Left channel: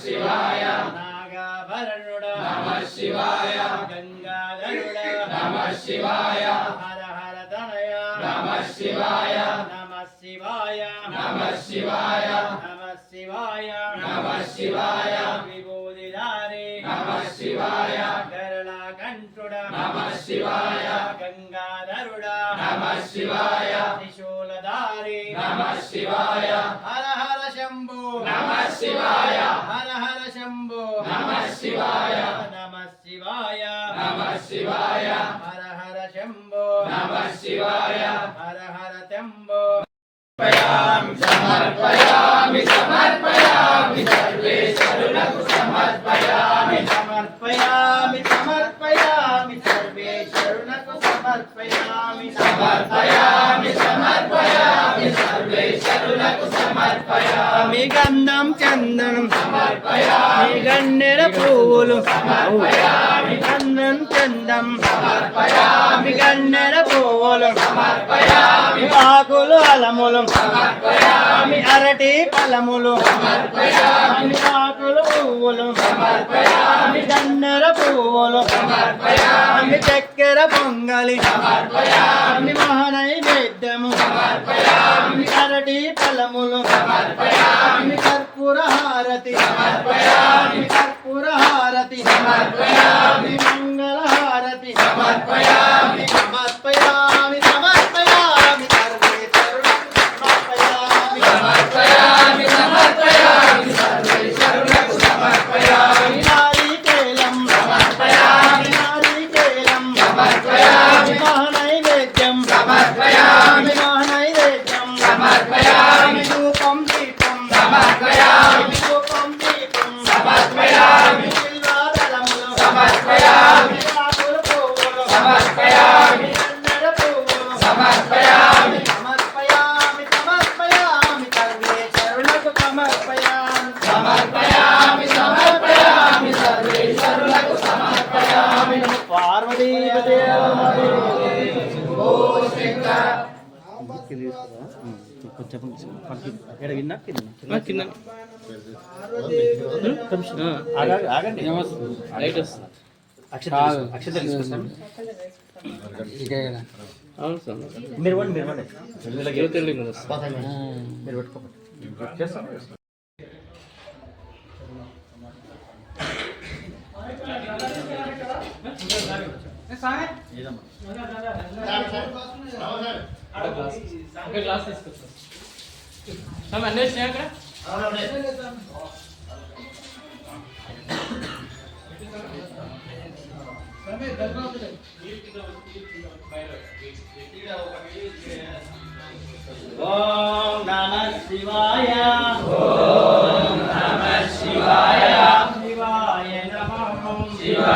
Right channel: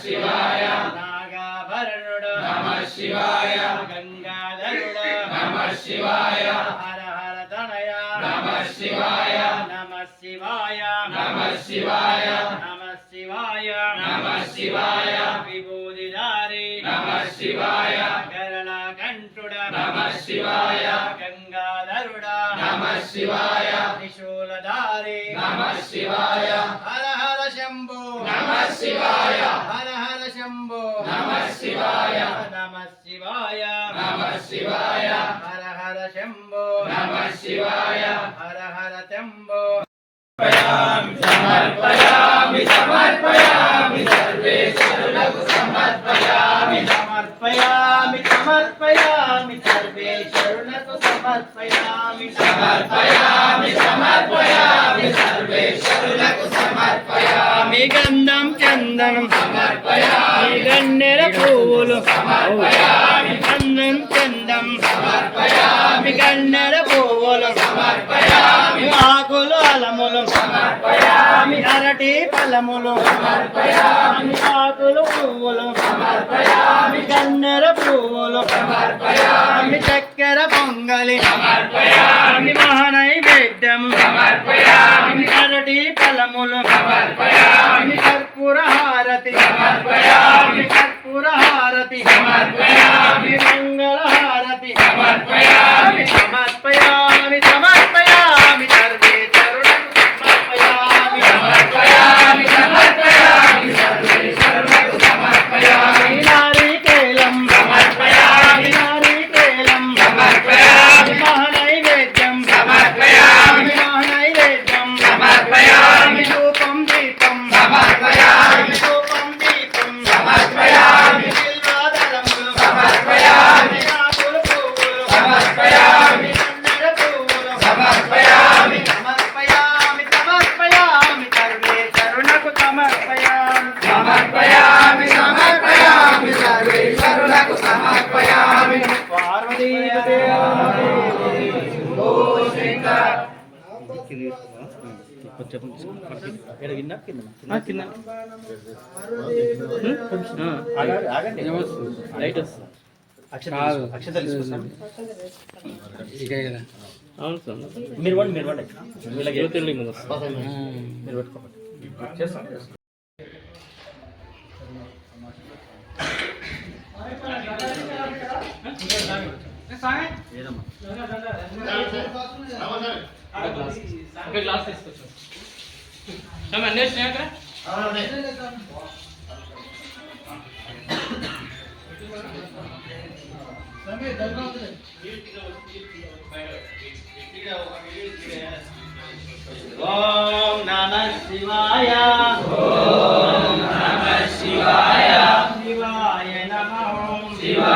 శివాయ నాగాభరణుడు నమ శివాయ నమ శివాయ హర హర తనయ నమ శివాయ నమ శివాయ నమ శివాయ నమ శివాయ నమ శివాయ విభూతిధారి నమ శివాయ శివాయ గంగాధరుడ నమ శివాయ త్రిశూలధారి. నమ శివాయ హర హర శంభో. నమ శివాయ హర హర శంభో. నమ శివాయ నమ శివాయ నమ శివాయ హర హర శంభో. నమ శివాయ హర హర శంభో సమర్పయామి సమర్పయామి సర్వేశ్వరులకు సమర్పయామి. సమర్పయామి సమర్పయామి. సమర్పయామి. సమర్పయామి సమర్పయామి సర్వేశ్వరులకు సమర్పయామి. గంధం చందనం సమర్పయామి కన్నెర పువ్వులు సమర్పయామి చందం కన్నెర పూలు. పువ్వులు ఆకులు అలములు అరటి ఫలములు ఆకులు పువ్వులు. కన్నెర పూలు. పువ్వులు చక్కెర పొంగలి. మహనై సమర్పయామి అరటి ఫలములు సమర్పయామి కర్పూర హారతి సమర్పయామి కర్పూర హారతి కొంచెం కింద. వస్తుంది. అక్షత అవును సార్. మీరు మీరు మీరు గ్లాస్. తీసుకొచ్చు. అన్నీ వచ్చినాయి అక్కడ? ఓం నమ శివాయ. ఓం నమ శివాయ. శివాయ నమః. శివాయ.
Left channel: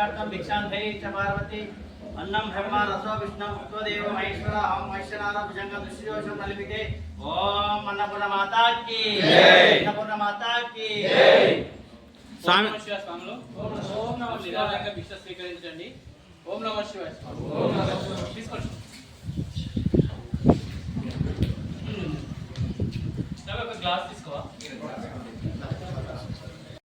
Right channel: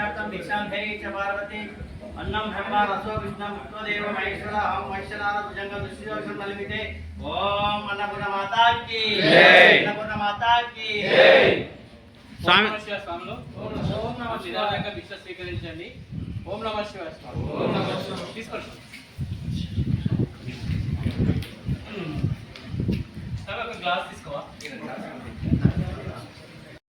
సిద్ధార్థం భిక్షాంధై చ పార్వతి అన్నం బ్రహ్మ రసో విష్ణు ముక్తదేవ మహేశ్వర ఓం మహేశ్వరార భుజంగ దుష్యోషం నలిపితే ఓం అన్నపూర్ణ మాతాకి అన్నపూర్ణ మాతాకి స్వామి స్వామిలో ఓం నమ శివాయ భిక్ష స్వీకరించండి ఓం నమ శివాయ. తీసుకోండి. ఒక గ్లాస్